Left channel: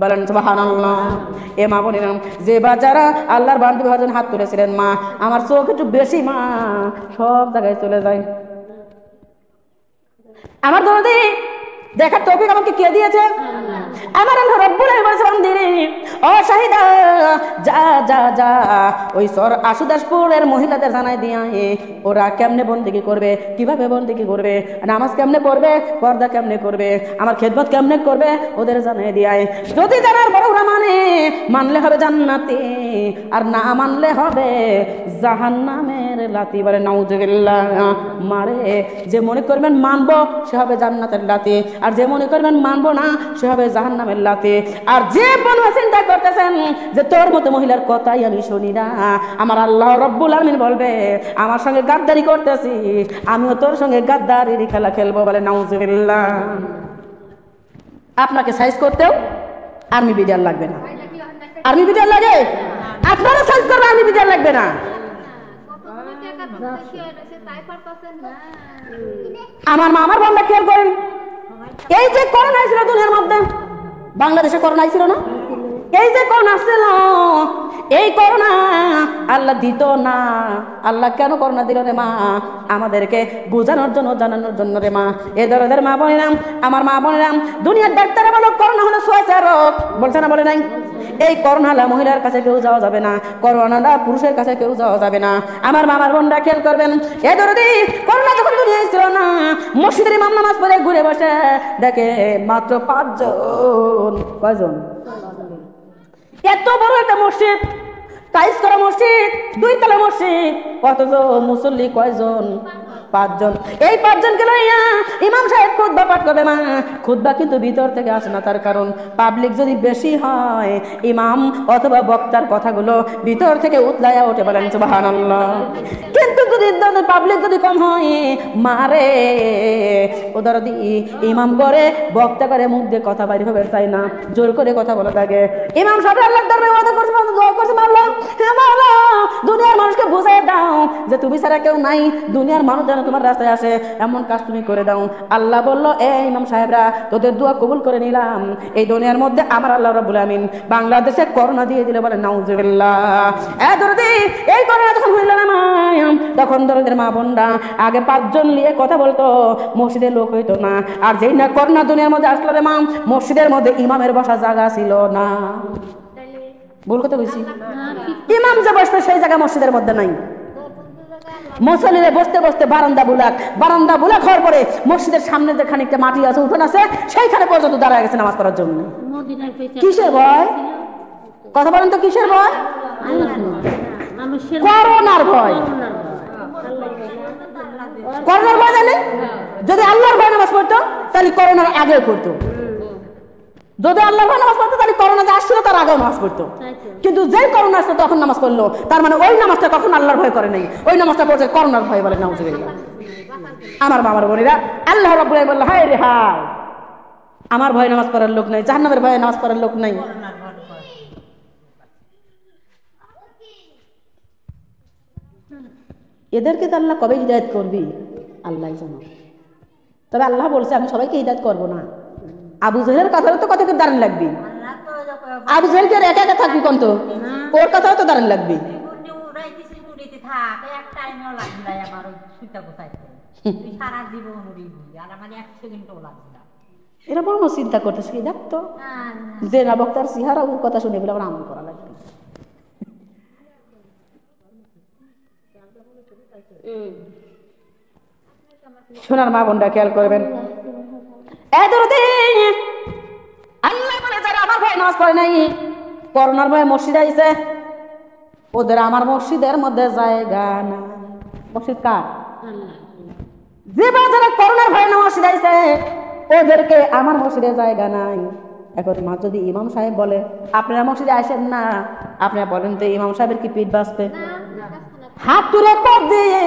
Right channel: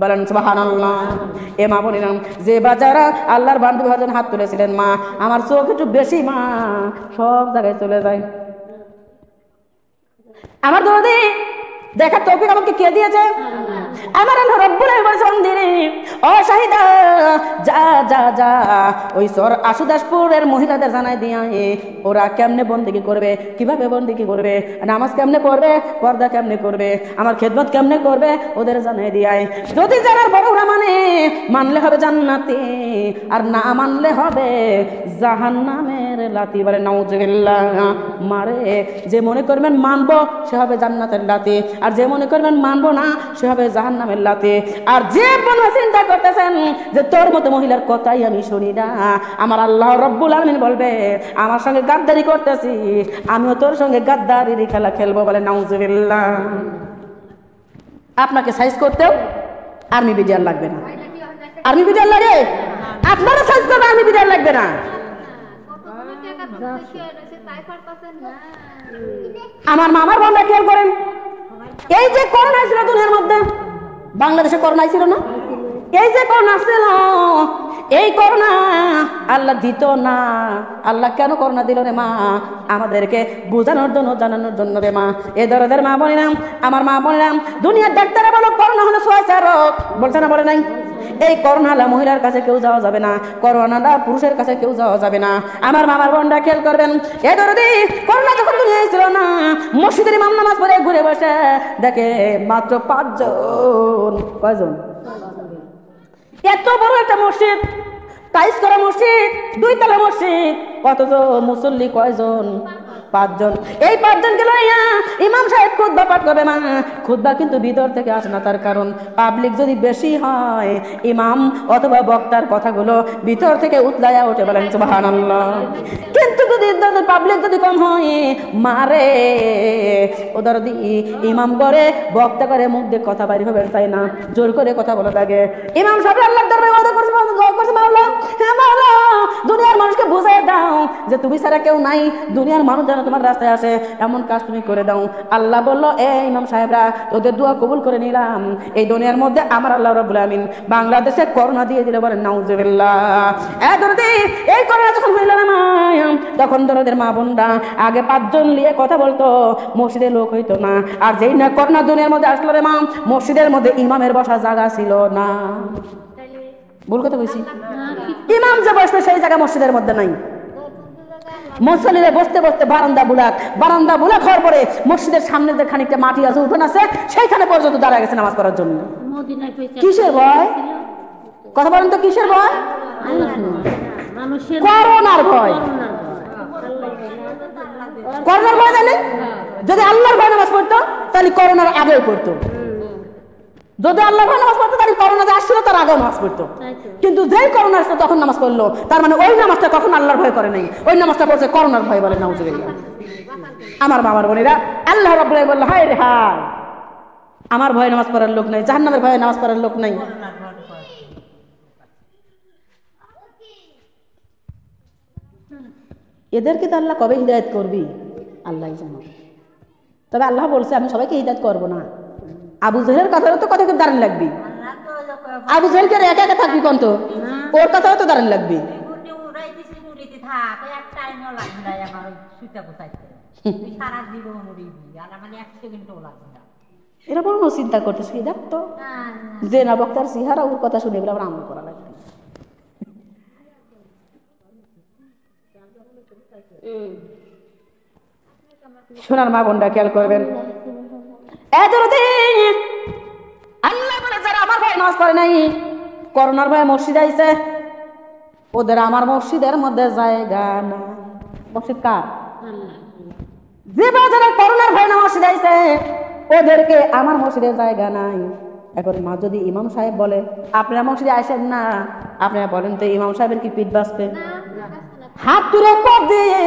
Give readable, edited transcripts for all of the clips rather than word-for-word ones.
বলেন সুবহানাল্লাহ। এ মা বলিলাম যে বাজারে আল্লাহর বান্দা মহাজন হাত তুলেছিলেন, মা আমার চোখ একটু বেশি, মা সব জায়গায় চলে যায়। আমার দরদি দেখার তৌফিক আমাকে কে দিয়েছে? আমার আল্লাহ রাব্বুল আলামিন। ও শাহিদা, যা যা যা ওই সর আশুদাসপুরের মহিলাদের জানাই দিয়া ওরা কেমনে বন্দেগি করবে, কিভাবে বন্দেগি করবে, নামাজ কেমনে পড়বে, পর্দা কেমনে করবে, আমার খেদমত কেমনে করবে, ওদের জানাই দিয়াই। যদি যারা বড়রা মানলে হবে জান্নাতি, আর না মানলে হবে জাহান্নামের লাতি। বলে নাউজুবিল্লাহ। মারে যে মনে করবেন মানবো সে হবে জান্নাতের লাতি, আর যে মনে করবেন মানবো না সে হবে জাহান্নামের লাতি। আর যে বলবে চিন্তা করতেছেন যে তোর মতো মহিলার কথাই আমি শুনি না, আমার আল্লাহ রাব্বুল আলামিন বলবে আমার সঙ্গে গাদ্দারি করতেছিস, আমিও তোর সঙ্গে গাদ্দারির খেলা খেলবো। বলে নাউজুবিল্লাহ। আপনাকে সাইজ করতেও আর্মি বিডিআর লাগবে না। আর্মি বিডিআর লাগে? আপনারা সাইজ করবে, আর্মি বিডিআর লাগবে না। আমার মামার বন্ধা খেয়াল করেন, এই যে করোনা ছিল দুনিয়ার মধ্যে, বাংলাদেশে করোনা ছিল না? এই যে করোনা ছিল, এই করোনা আল্লাহ দিত না। আল্লাহ কেন করোনা দিল রে মা? আমাদেরকে বোঝানোর জন্য, জানানোর জন্য রে মা। এদের মা বললাম, আমার মা বললাম, দুনিয়ার ডাক্তারে বলো করোনা হলে সোয়াচা রোগ, বলছে না? বলে নাই? এই করোনা মহিলার কাছে কেউ যাওয়া যাবে না, করোনা পুরুষের কাছে কেউ যাওয়া যাবে না। আমার বাবা বোনরা খেয়াল করবেন, এদের করোনা যখন ছিল না, মসজিদের ইমাম নামাজ পড়ে ঘুরে বসে দেখে মাত্র 5 জন। কয়জন? এত বড় একটা মসজিদ, টাইস করা মসজিদ, 2 তলা মসজিদ, কতজন মুসল্লি? কয়জন? 5 জন। এই 5 জনকে লইয়া ইমাম সাহেব খুতবা পাঠ করবে। মা খুতবা কিন্তু ভিতর থেকে আসে না, তার কারণ পাবলিক যদি বেশি হয় ইমাম অথবা বক্তার কথাগুলো ভিতর থেকে উতলাইয়া ওঠে। বলেন সুবহানাল্লাহ। কিন্তু যদি পাবলিক যদি কম হয়, মারে ওদের ইমাম করে বক্তা করে মুখ দিয়ে কথা বাইরে হবে চাই না, জোর করে কথা বলে থাকে। ইমাম সাহেব আল্লাহর দরবারে ওয়াদা করছে, দোয়া করছে, আল্লাহ দুনিয়ার মানুষকে বুঝাই দাও যে তুমি ছাড়া কেউ নাই, দুনিয়ার মানুষ যারা তোমার রাস্তায় আসে এমন কাজ তুমি করে দাও। আল্লাহ বললো, এই ইমাম সাহেবরা তোদের দোয়া কবুল করে নিলাম। এই দুনিয়ার মধ্যে আমার আল্লাহ রাব্বুল আমিন বাংলাদেশে করোনা দিয়ে দিলে। বলেন নাউজুবিল্লাহ। এই করোনা যখন হয়ে গেল তখন তোদের মা বোনরা আগে 5 জন নিয়ে কথা বলতো, মসজিদের লোক হইতো না। আর যেই না করোনা দুনিয়ার মধ্যে আসলো রে মা, মসজিদের মধ্যে ইমামের বসা জায়গা ছিল না। ভুল কথা বলছি? ইমাম যে বসবে সেই জায়গা মসজিদের মধ্যে নাই। মুসল্লিরা বসতে বসতে বারান্দা বুলাক হওয়ার পরে মসজিদের সামনে যে খানিকটা মাটি আছে, উঠোন আছে, সেইখানে পর্যন্ত দাঁড়ায় গেছে নামাজ পড়ার জন্য। কিসের ভয়? কথা বলেন তো, কিসের ভয়? করোনার ভয়। করোনার ভয় জানে? যদি আল্লাহর ভয় নামাজ পড়তো তাহলে করোনার আগে পড়তো। যদি আল্লাহ নামাজ পড়তো তাহলে করোনা যে আসছিল তার আগে নামাজ পড়তো। কিন্তু যে করোনা আসলো তখন নামাজ পড়লো, তার মানে ওই নামাজটা তখন আল্লাহর ভয় করে নাই, ওই নামাজটা পড়ছে করোনার ভয়। বলে নাউজুবিল্লাহ। আমার বাবার বোনেরা, আল্লাহ রাব্বুল আলামিন বলল, হায় রে হায়, আমার ভয়ে নামাজ পড়ার লোক নেই, জাহান্নামের ভয়ে নামাজ পড়ার লোক নেই। এদেরকে তো আল্লাহ কবে হিদায়াত করবি আল্লাহ জানে। তবে আল্লাহ বলছে আমি সবাইকে হিদায়াত করবো না। আবু জাহেলের কথা তো কতক্ষণ দাঁড়ান লাগবে? আবু জাহেলকে একা একা থাকবি কোন, তো ওর কথাও তো দাঁড়ান লাগবে। এরা বড় চিন্তা করতেছে, দেখতো যে না বক্তার সিহারা ওর কথা শুনে এবার আমল করা লাগবে। শোনার মা বোনরা খেয়াল করবেন, আল্লাহ বলে যারা আমার ভাই নামাজ পড়ে নাই, করোনার ভাই মসজিদ আইছে, ওদের আমার মসজিদের মধ্যে জায়গা না। মসজিদ কার? যে বাজারে করোনার ভাই মসজিদ আইছে ওদেরকে আমার মসজিদে জায়গা নাই। এখন মা যদি ইমাম সাহেব বলে আপনারা মসজিদে আসেন না, আপনারা বলেন তো ইমাম সাহেবের কি পিঠ বাঁচবে? হাত তুলে পথ দিয়ে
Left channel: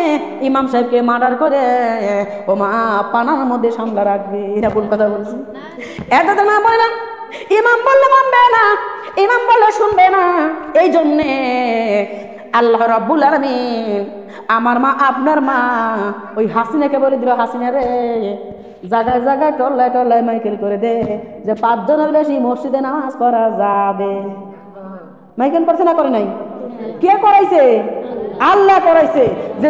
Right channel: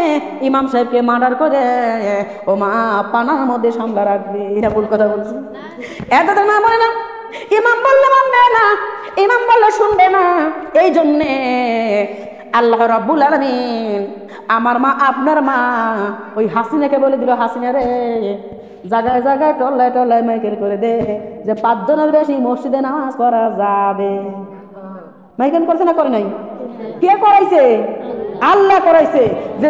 ইমাম সাহেবকে মার্ডার করে ও মা পানার মধ্যে সামলা রাখবে। এটা কোন কথা বলছি? এত মা বলে না, ইমাম বললে মানবে না, ইমাম বললে শুনবে না। এই জন্যে আল্লাহ রাব্বুল আলামিন আমার মা আপনার মা ওই হাসিনাকে বলে দিল, হাসিনা রে জায়গায় জায়গায় টল্লায় টল্লায় মাইকেল করে দে যে 5 জনের বেশি মসজিদে নামাজ পড়া যাবে। মাইকেল করছে না করে নাই? কে করাইছে? আল্লাহ করাইছে।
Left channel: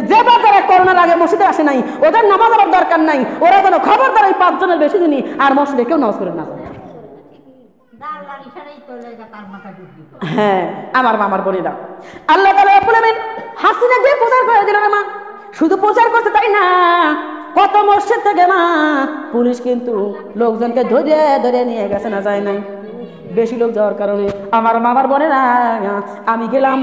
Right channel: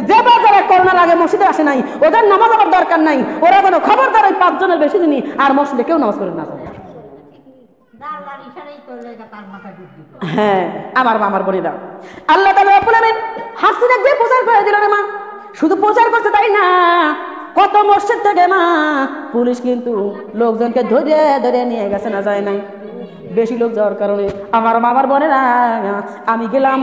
যে বাজারে করোনা লাগে মসজিদে আসে নাই, ওদের নামাজ আবার দরকার নাই, ওরা যেন খবরদার ওই 5 জনের বেশি দিনই আর মসজিদে কেউ নামাজ করে না। হ্যাঁ, আমার বলে দাও আল্লাহ তাআলা বলেন হাসিনাকে প্রচার করে দিল রে মা। শুধু প্রচার করতে তাই না, কত মসজিদ থেকে না পুলিশ কিন্তু লোকজনকে ধরে ধরে নিয়ে গেছে, না যায় নাই। বেশি লোক যাওয়ার কারণে আমার বলে না, আমি গেলাম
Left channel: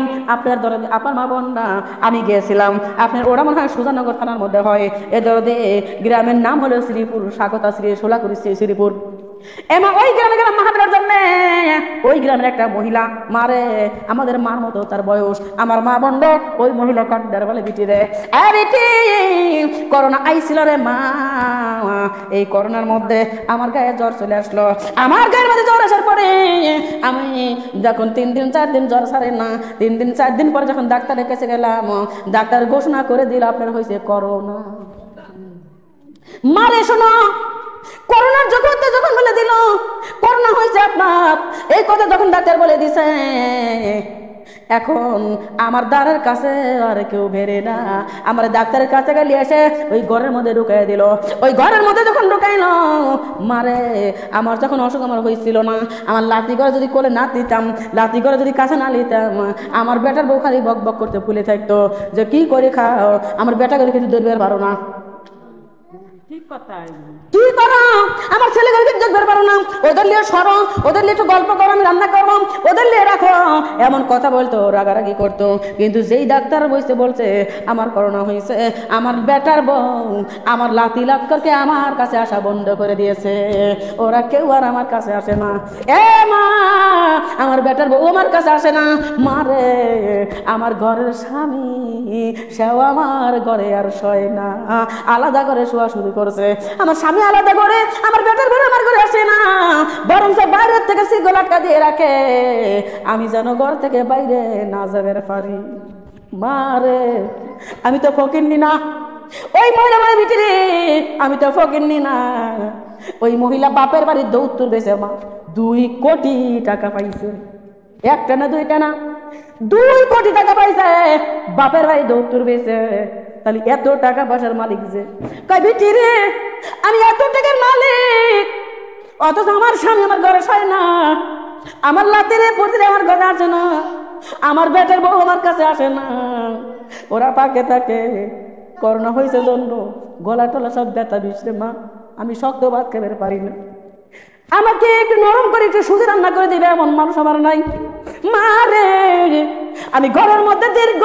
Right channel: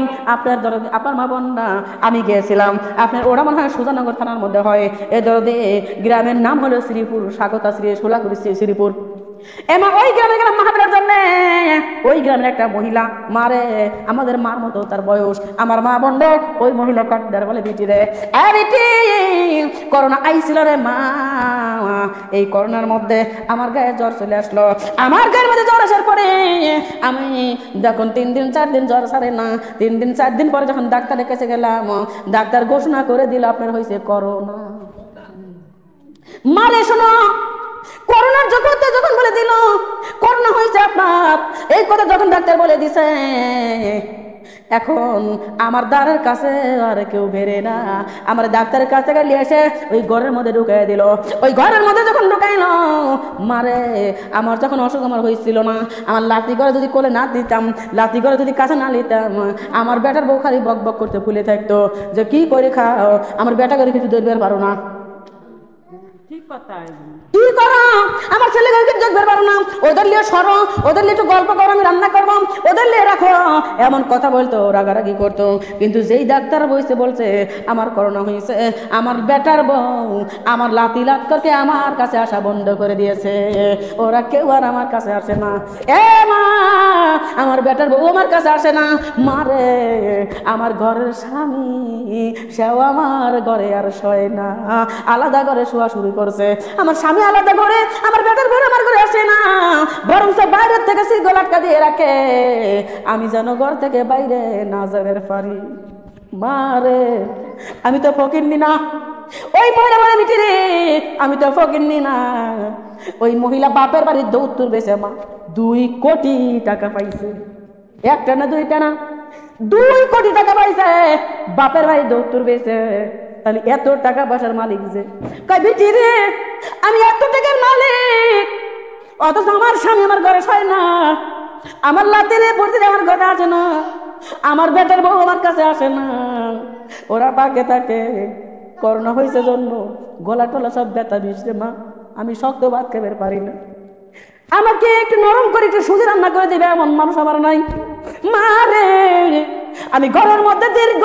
আপনার মা বোন না, আমি গিয়েছিলাম আপনার, ওরা মনে হয় সুজানগর থানার মধ্যে হয়, এ দরদে গ্রামের নাম হলো শ্রীপুর, স্বাগতা শ্রী সোলাপুর শ্রীপুর। এবার ওই গ্রামে গেলাম মাহাবীরের জন্য। ওই গ্রামের একটা মহিলা মারে, আমাদের মার মতো তার বয়স, আমার মা বন্ধ ওই মহিলা কান্দার বলে বিটি রে, আরে কি করোনা আইছিল রে মা, এই করোনার মধ্যে আমার গায়ে জ্বর চলে আসলো। আমার গায়ের মধ্যে জ্বর আসার পরে আমি যখন 3 দিন 4 দিন জ্বর সারে না, 3 দিন 4 দিন পরে যখন ডাক্তারের কাছে গেলাম, ডাক্তার ঘোষণা করে দিল আপনার হয়েছে করোনা। মারে শোনো, করোনার জগতে যখন বলে দিল করোনা হয়েছে আপনার, এই কথা যখন ডাক্তার বলে দিছে, এখন আমার দ্বারের কাছে আর কেউ বেরে না, আমার ডাক্তারের কাছে গেলে এসে ওই ঘরের মধ্যে ঢুকাই দিল। ওই ঘরের মধ্যে যখন ঢুকাইল মারে, আমার যখন অসুখ আমার হয়েছিল না, আমার লাঠি ঘরে যদি করে না দিতাম, লাঠি ঘরে যদি কাছে না নিতাম, আমার বেটার বউ খালি বক বক করতে ভুলে থাকতো যে কি করে খাও, আমার বেটা গেলে কিছু ধরবে পারো না, কি করো আমার ছেলেকে দেখতে পারো না, ওদের নিয়ে সরো, ওদের নিয়ে একটু গল্প করো, আমি রান্না করবো, ওদের নিয়ে রাখো, এমন কথা বলতো, রাগারাগি করতো। কিন্তু যেই ডাক্তার বলছে আমার করোনা হয়েছে, আমার বেটার বউ আমার লাতি ডাক্তারকে আমার কাছে আসা বন্ধ করে দিয়েছে, ওরা কেউ আর আমার কাছে আসে না। এ মা, আমার বেটার বউ আমার কাছে আসে না, মারে আমার ঘরের স্বামী সেও আমার ঘরে আর শোয় না, আলাদা করে শোয়া শুরু করছে। আমার স্বামী আলাদা করে, আমার বেটার বউ আমার ঘরে আসে না, বরং বাইরে থেকে সে গোলাটা দিয়ে রাখে, আমি যেন ঘর থেকে বাইরে না যাবার পারি। মারে আমি তো ফকিন্নি না, ওই মহিলা মানে বিটি রে, আমি তো ফকিন্নি না। ওই মহিলা বাপের বাড়ির দৌত্তর বেছে 2 কোটি টাকা পাইছে, একটা না দুইটা না, 2 কোটি টাকা পাইছে বাপের বাড়ি দৌত্তর বেছে। তাহলে এত টাকা পয়সার মালিক যে কই বিটি রে, আমি এত টাকার মালিক, অথচ আমার স্বামী আমার ঘরে শোয় না, আমার লাতিরে পড়তে আমার ঘরে আসে না, আমার বেটার বউ আমার কাছে আসে না, ওরা পাকে থাকে। করোনা হয়েছে জন্ম, গলা টলা সব ব্যথা দিচ্ছে মা, আমি শক্ত ভাত খেতে পারি না, আমাকে একটু নরম করে একটু সুজি রান্না করে দিবে এমন মানুষ আমার নাই। মারে আমি গলার মধ্যে দীর্ঘ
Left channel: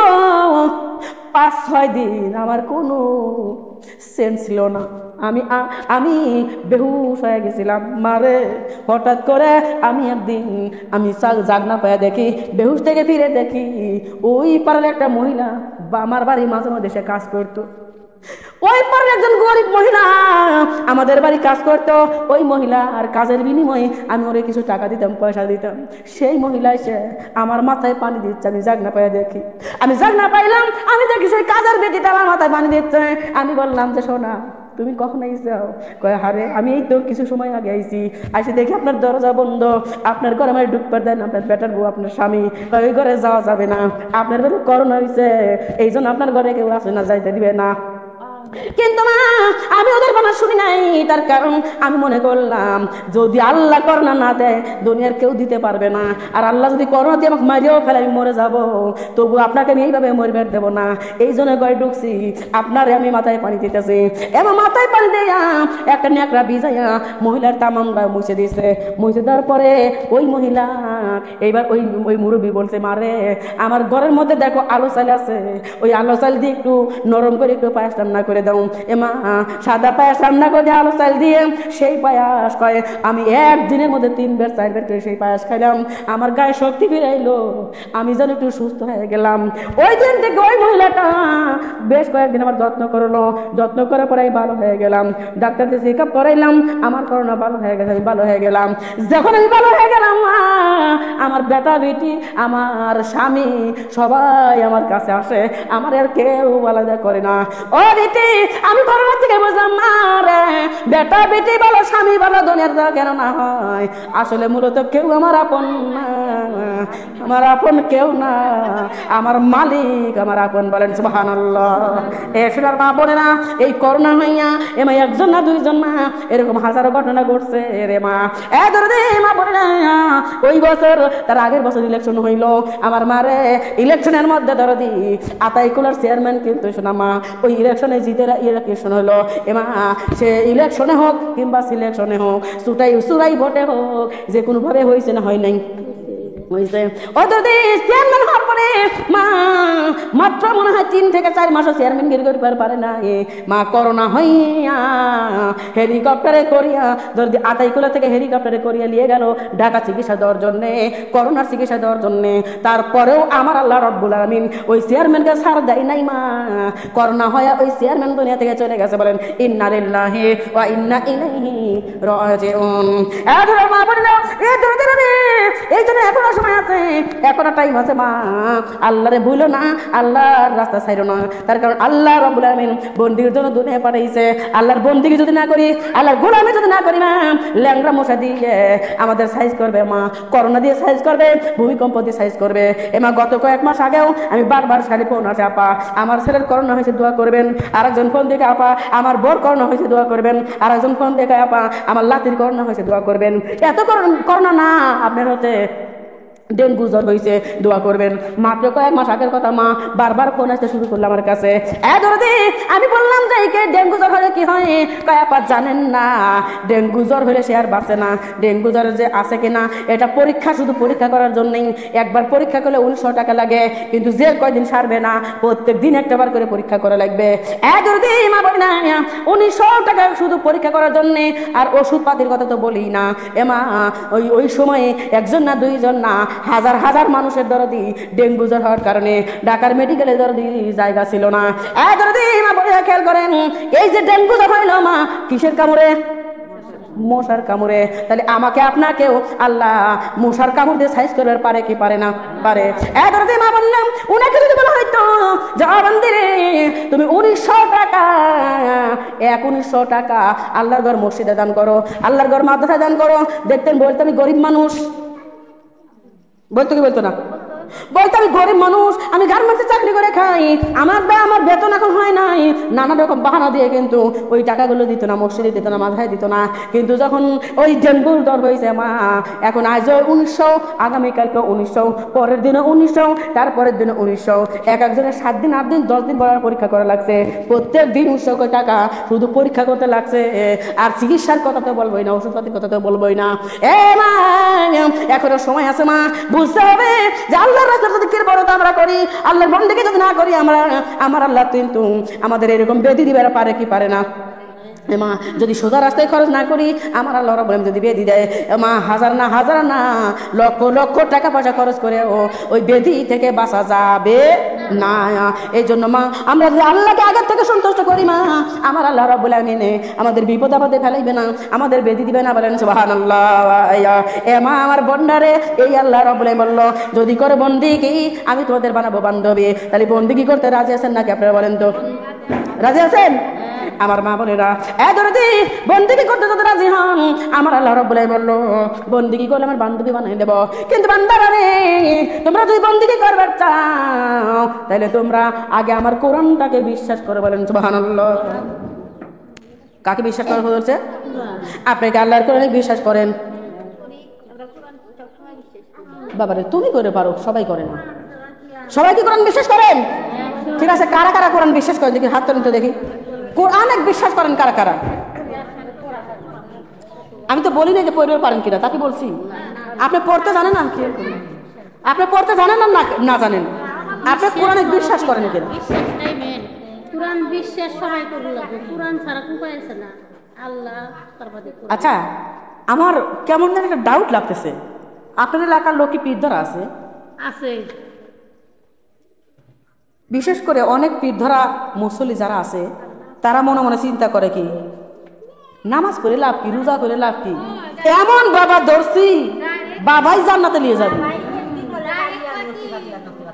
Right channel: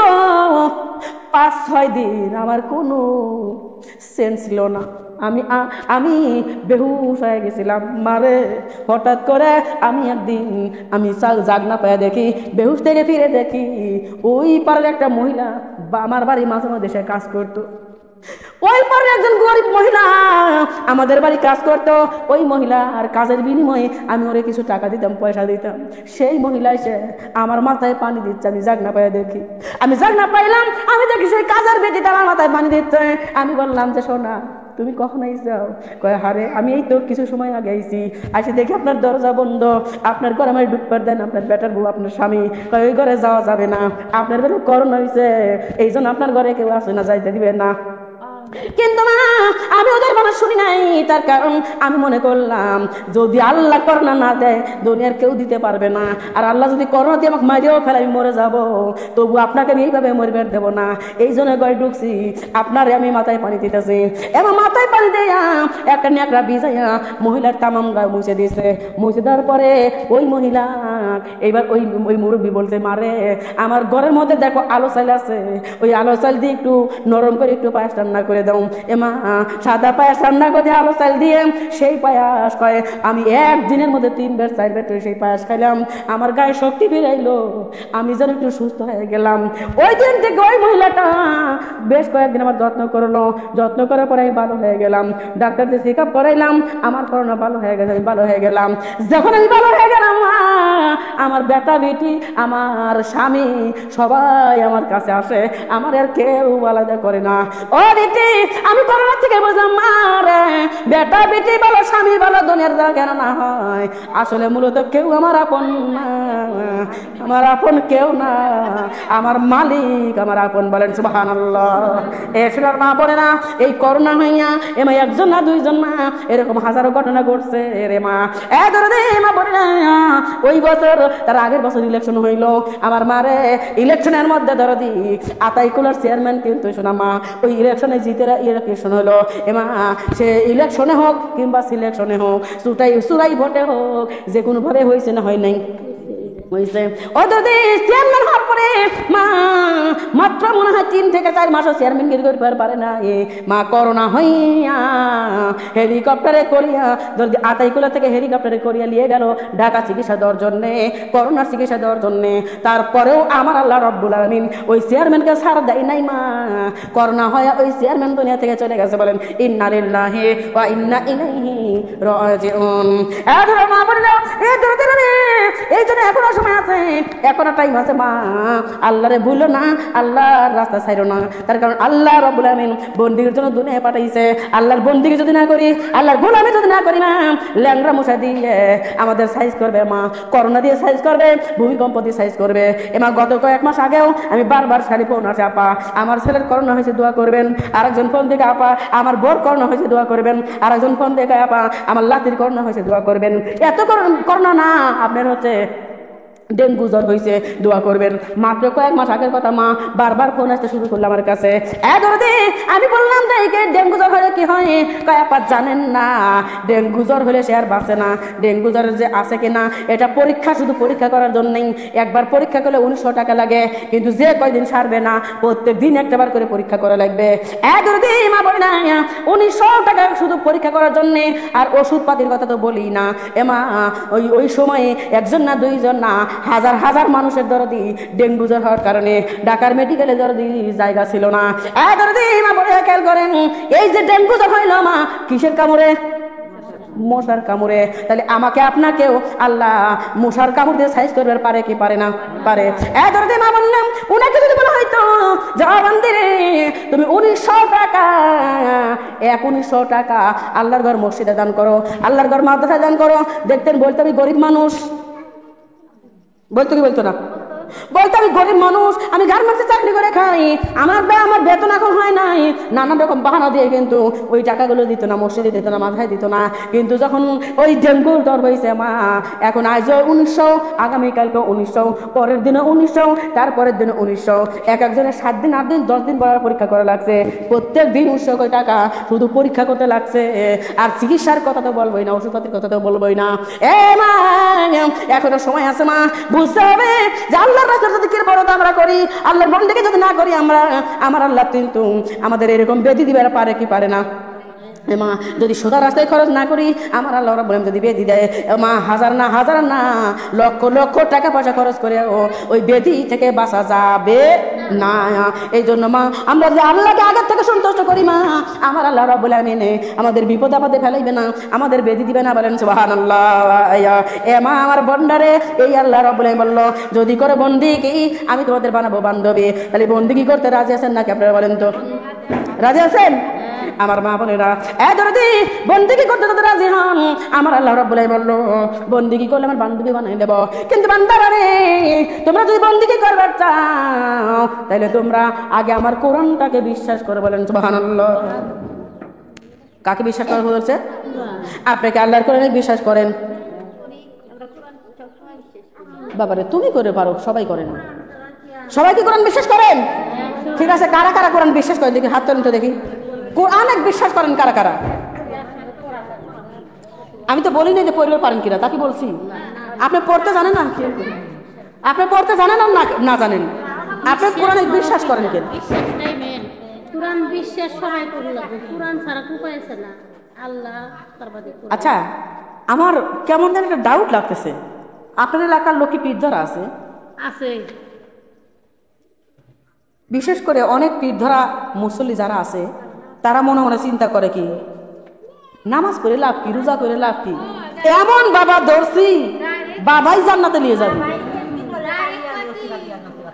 5-6 দিন আমার কোনো সেন্স ছিল না, আমি বেহুশ হয়ে গেছিলাম। মারে হঠাৎ করে আমি একদিন আমি জাগনা পায়ে দেখি, বেহুশ থেকে ফিরে দেখি ওই পাড়ার একটা মহিলা আমার বাড়ি মাঝে মাঝে সে কাজ করতো, ওই পরে একজন গরিব মহিলা আমাদের বাড়ি কাজ করতো, ওই মহিলার কাজের বিনিময়ে আমি ওরে কিছু টাকা দিতাম, পয়সা দিতাম। সেই মহিলা এসে আমার মাথায় পানি দিচ্ছে, আমি জাগনা পায়ে দেখি, আমি জাগনা পাইলাম, আমি দেখি সেই কাজের বেটিটা আমার মাথায় পানি দিচ্ছে। আমি বললাম যে সোনা তুমি কখন আইসাও? কয় হারে আমি এই তো কিছু সময় আগে আইছি, আসি দেখি আপনার দরজা বন্ধ, আপনার ঘরে আমার ঢুকবার দেন, আপনার বেটার বউ আপনার স্বামী কয় ওই ঘরে যাওয়া যাবে না, আপনার ঘরে করোনা হয়েছে এই জন্য আপনার ঘরে কেউ আসে না, যাইতে দিবে না। কিন্তু না, আমি ওদের কথা শুনি নাই, তার কারণ আমি মনে করলাম যদি আল্লাহ করোনা না দেয় দুনিয়ার কেউ দিতে পারবে না, আর আল্লাহ যদি করোনা দিয়ে আমাকে মারিয়েও ফেলে আমি মরে যাবো, তবু আপনাকে আমি এইভাবে মরবার দেবো না, এই জন্য ঘরে ঢুকছি, আপনার আমি মাথায় পানি দিতেছি। এবং মাথায় পানি দেয়া একটা নেকড়া ভিজাইয়া মহিলার তামাম গায়ে মুছে দিছে। মুছে দেওয়ার পরে ওই মহিলা এবার ওই মুরব্বী বলছে মারে আমার ঘরের মধ্যে দেখো আলো চাল আছে, ওই আলো চাল দিয়ে একটু নরম করে একটু পায়েস রান্না করে দাও। এমা সাদা পায়েস রান্না করে আলো চাল দিয়ে সেই পায়েস খায় আমি একদিনের মধ্যে 3 বার 4 বার সেই পায়েস খাইলাম, আমার গায়ে শক্তি ফিরে এলো, আমি যেন একটু সুস্থ হয়ে গেলাম। ওই দিন থেকে ওই মহিলাটা বেশ কয়েকদিন আমার যত্ন করলো, যত্ন করার পরে ভালো হয়ে গেলাম, ডাক্তারদের চেক আপ করাইলাম, আমার করোনা ভালো হয়ে গেছে, ভালো হয়ে গেলাম। যখন আমি ভালো হয়ে গেলাম আমার বেটা বেটি, আমার স্বামী সবাই আমার কাছে আসে, আমার এর কেউ আলাদা করে না। ও বেটি, আমি করোনা থেকে বুঝলাম মা রে, বেটা বেটি বলো স্বামী বলো দুনিয়ার জায়গার না হয়, আসলে মূলত কেউ আমার আপন না, আমার আপন কেউ না, আমার মালিক আমার আপন। বলেন সুবহানাল্লাহ। এখানের মা বলে না, এই করোনা হইয়া এবার একজন না দুইজন না, এরকম হাজারো ঘটনা ঘটছে রে মা। মা বলে না, ওই বছর তার আগের বছর ইলেকশন হইলো, আমার মারে ইলেকশনের মধ্যে দরদি আতাইকুলার চেয়ারম্যান কিন্তু শোনা মা, ওই ইলেকশনে জিতে ইলেকশন হইলো। এবার সে ইলেকশনে হোক কিংবা সিলেকশনে হোক, চুরাই ভোটে হোক, যে কোনো ভাবে হয়েছে না হয় নাই মাত্র মনে হয় 3 থেকে 4 মাস চেয়ারম্যান করতে পারে না মা। করোনা হইয়া হেলিকপ্টারে করিয়া যদি আতাইকুলা থেকে হেলিকপ্টারে করিয়া নিয়ে গেল ঢাকা চিকিৎসা দেওয়ার জন্য, করোনার চিকিৎসা দেওয়ার জন্য। তারপরেও আমার আল্লাহ রাব্বুল আলামিন ওই চেয়ারম্যানকে ছাড় দেয় নাই মা। করোনা হইয়া ওই চেয়ারম্যান দুনিয়া থেকে চলে গেছে। বলেন ইন্না লিল্লাহি ওয়া ইন্না ইলাইহি রাজিউন। মা বলেন এই জন্য এখনো সময় আছে, এখনো টাইম আছে মা। আল্লাহরে ভুলো না, আল্লাহর রাস্তা ছাইরো না। তার কারণ আল্লাহ রাব্বুল আলামিন বন্দির জন্য দুনিয়া পাঠাইছে। আল্লাহর বন্দিগি যদি না করি, আল্লাহর গোলামি যদি না করি না, ল্যাংড়া মশা দিয়ে আমাদের সাইজ করবে মা, করোনা দিয়ে সাইজ করবে, ভূমিকম্প দিয়ে সাইজ করবে। এমা গত কয়েক মাস আগেও আমি বারবার সারি ফোন আছে, আপা আমার ছেলের করোনা হয়েছে দোয়া করবেন। আরেকজন ফোন দেখে আপা আমার বোর করোনা হয়েছে দোয়া করবেন। আরেকজন ফোন দেখে আপা আমার লাতির করোনা হয়েছে দোয়া করবেন। এত করোনা না, আপনার হচ্ছে ডেঙ্গু জ্বর হয়েছে দোয়া করবেন। মাত্র কয়েক মাস আগের কথা মা বারবার ফোন আসতে শুরু করলো আমার কাছে। আমি বললাম ডেঙ্গু জ্বর হলে কি হয়? আপা জানেন না, ডেঙ্গু জ্বর হলে সে আর বাঁচে না। ডেঙ্গু জ্বর যে আছে কিনা এটা পরীক্ষা, শুধু পরীক্ষা করার জন্যই। একবার পরীক্ষা করলে 1900 টাকা লাগে, কিন্তু যে কয়দিন সারবে না প্রত্যেক দিন একটাবার করে পরীক্ষা করা লাগবে। মা বলি না 1900 টাকা শুধু পরীক্ষা করার জন্য, আর ওষুধ পাতির কথা তো বলি না। এমা ওই সময় একজন না দুইজন না হাজার হাজার মানুষের দরদি ডেঙ্গু জ্বর হওয়ার কারণে ঢাকার মেডিকেলের দরদি জায়গা ছিল না। মা বলে খেয়াল করেন, এই যে ডেঙ্গু জ্বর হয় না মা, কিসের কামড়ে? মশার কামড়ে। তাহলে আমাকে আপনাকেও আল্লাহ মশার কামড় দিয়ে সাইজ করতে পারে কি পারে না? পারে। মা বললাম ওনাকে যদি বলা হয়তো যে তুমি 1900 টাকা 1900 টাকা আল্লাহর ঘর মসজিদে দান করো, আল্লাহর ঘর মাদ্রাসায় দান করো, দেখতেন বলতে আমি গরিব মানুষ, বলতো কি বলতো না? বলতে আমি গরিব মানুষ, আমি গার্মেন্টসে চাকরি করে খাই, আমার বেতন এখন হয় নাই, নানা রকম বাহানা দিয়ে কিন্তু ওই টাকাগুলো দিত না, মসজিদে দিত না, মাথায় দিত না। কিন্তু যখন ওই ডেঙ্গু জ্বর হয়েছে মা, এখন আজ 1900, আগামীকালকে 1900, পরের দিনে 1900, তারপরের দিনে 1900, এক একজনের 7 দিন 8 দিন 10 দিন পরে পরীক্ষা করা লাগছে। প্রত্যেক দিন 1900 টাকা শুধু পরীক্ষা করতে লাগছে। আর চিকিৎসার কথা তো বলবোই না, ওষুধপাতির কথা তো বলবোই না। মা এখনো সময় আছে মা, বুঝতে হবে যে আল্লাহর রাস্তা যদি আমরা করি, আল্লাহর বন্দেগী যদি না করি, আমার আল্লাহ কিন্তু আমাদের এরকম বেদি দিবার পারে কি পারে না? মা যদি সোজা রাস্তায় খরচ না করি, আমার আল্লাহ রাব্বুল আলামিন যদি বেদি দেয় মা, হাজার না লক্ষ লক্ষ টাকা পয়সা খরচ করে ওই বেদি থেকে বাঁচা যাবে না। এই জন্য মা আমরা যে আল্লাহকে আগের থেকে সন্তুষ্ট করি মা, আমার আল্লাহ রাব্বুল আলামিন আমাদের বিপদ আপদে ফেলাইবে না, আমাদের বেদি দিবে না। বলেন সুবহানাল্লাহ। মা আমার বন্ডারে এই আল্লাহ রাব্বুল আলামিন বলল, যদি করে বন্দেগী আমি তোমাদের বানাবো বান্ধবী। তাহলে বন্দেগী করতে রাজি আছেন নাকি আপনারা বলেন তো? রাজি আছেন? আমার মা বলে না বন্দেগী করতে যদি রাজি হন, আমার আল্লাহ রাব্বুল আলামিন বলল বন্দেগী করলে আমার বান্ধবী বানাই দেব। কিন্তু বান্দারা রে, তোমরা যদি বন্দেগী করবে চাও তাহলে তোমরা আগে আমার কোরআনটাকে বিশ্বাস করে। বলেন সুবহানাল্লাহ। কাকে বিশ্বাস করে বলছে? আপনাকে আল্লাহর কোরআনে বিশ্বাস করেন। বাবারে তুমি করে পারো, সবাই করে না। সবাই কি কোরআন বিশ্বাস করেন? ঠিক আছে, কারা কারা কোরআন বিশ্বাস করেন দেখি হাত তুলে দেখি। কোরআন বিশ্বাস করেন কারা কারা? আমি তো বলি না যে পড়তে পারেন কিনা, তাকে বলছি। আপনি পড়তে জানেন না? আপনি পড়তে জানেন না জানেন? আপনি কোরআন বিশ্বাস করেন কেন? কোরআন বিশ্বাস সবাই করে না, কোরআন ছাড়া উপায় আছে না। আল্লাহ সর্বাধিক। আচ্ছা, আমার কেমন যেন একটা ডাউট লাগতেছে, আপনার এলাকার লোক কি পীর ধরা আছে? আছে। বিশেষ করে অনেক পীর ধরা মুসল্লি যারা আছে, তারা মনে মনে চিন্তা করে কি নামাজ করে লাভ কি, রোজা করে লাভ কি? এমন বাবা ধরছি বাবাই জান্নাতে নিয়ে যাবে।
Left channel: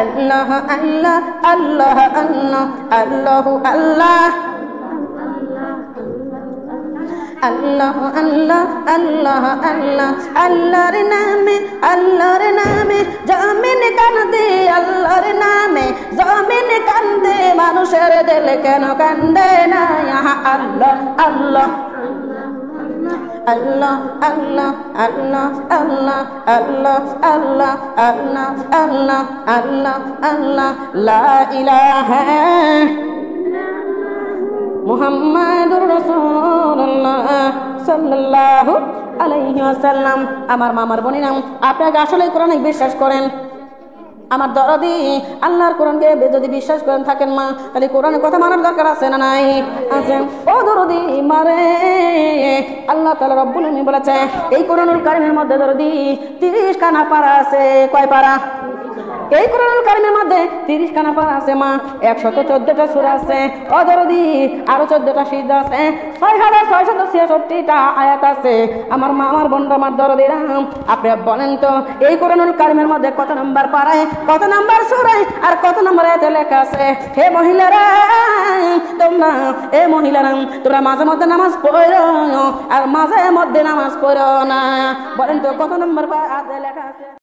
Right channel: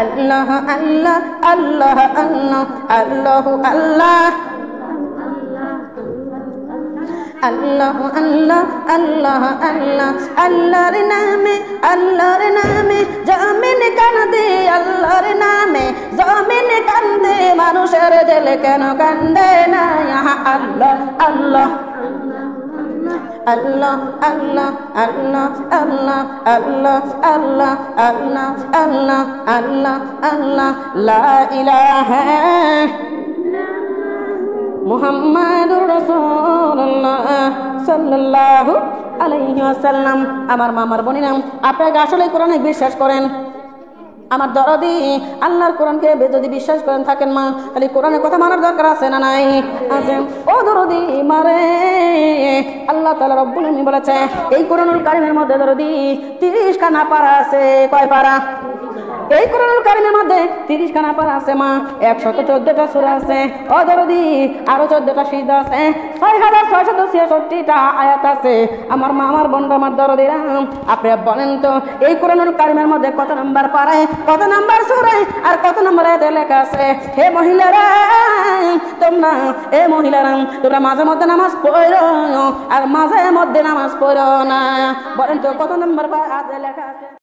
আল্লাহ আল্লাহ আল্লাহ আল্লাহ আল্লাহ আল্লাহ আল্লাহ আল্লাহ আল্লাহ আল্লাহ আল্লাহর নামে জামিন কান্দে আল্লাহর নামে জামিন কান্দে মানুষের দিল কেন কান্দে না আল্লাহ আল্লাহ আল্লাহ আল্লাহ আল্লাহ আল্লাহ আল্লাহ আল্লাহ আল্লাহ আল্লাহ আল্লাহ আল্লাহ লা ইলাহা মুহাম্মাদুর রাসূলুল্লাহ সাল্লাল্লাহু আলাইহি ওয়াসাল্লাম। আমার মামার বোনেরা, আপনাকে আসলে কোরআনে বিশ্বাস করেন? আমার দরদি আল্লাহর কোরআনকে যদি বিশ্বাস করেন থাকেন মা, তাহলে কোরআনের কথা মানার দরকার আছে না নাই? আছে। ও দরদি মারে, আল্লাহ তাআলা রব্বুল আলামিন বলেছে এই কোরআনুল কারীমের মধ্যে দরদি 30 খানা পারা আছে। কয় পারা? এই কোরআনুল কারীমের মধ্যে 30 খানা পারা আছে মা, 114টা সূরা আছে। ও দরদি আরো 14টা সিজদা আছে, 6666টা আয়াত আছে। আমার মা, আমার বোন, আমার দরদিরা, আপনি বলেন তো এই কোরআনুল কারীমের মধ্যে কত নাম্বার পারায়, কত নাম্বার সূরায় আর কত নাম্বার আয়াতে লেখা আছে? এই মহিলারা তোমরা মাঝে মধ্যে নামাজ পড়ো আর মাঝে মধ্যে নামাজ পড়ো না, বলেন তো কত নাম্বার আয়াতে লেখা আছে?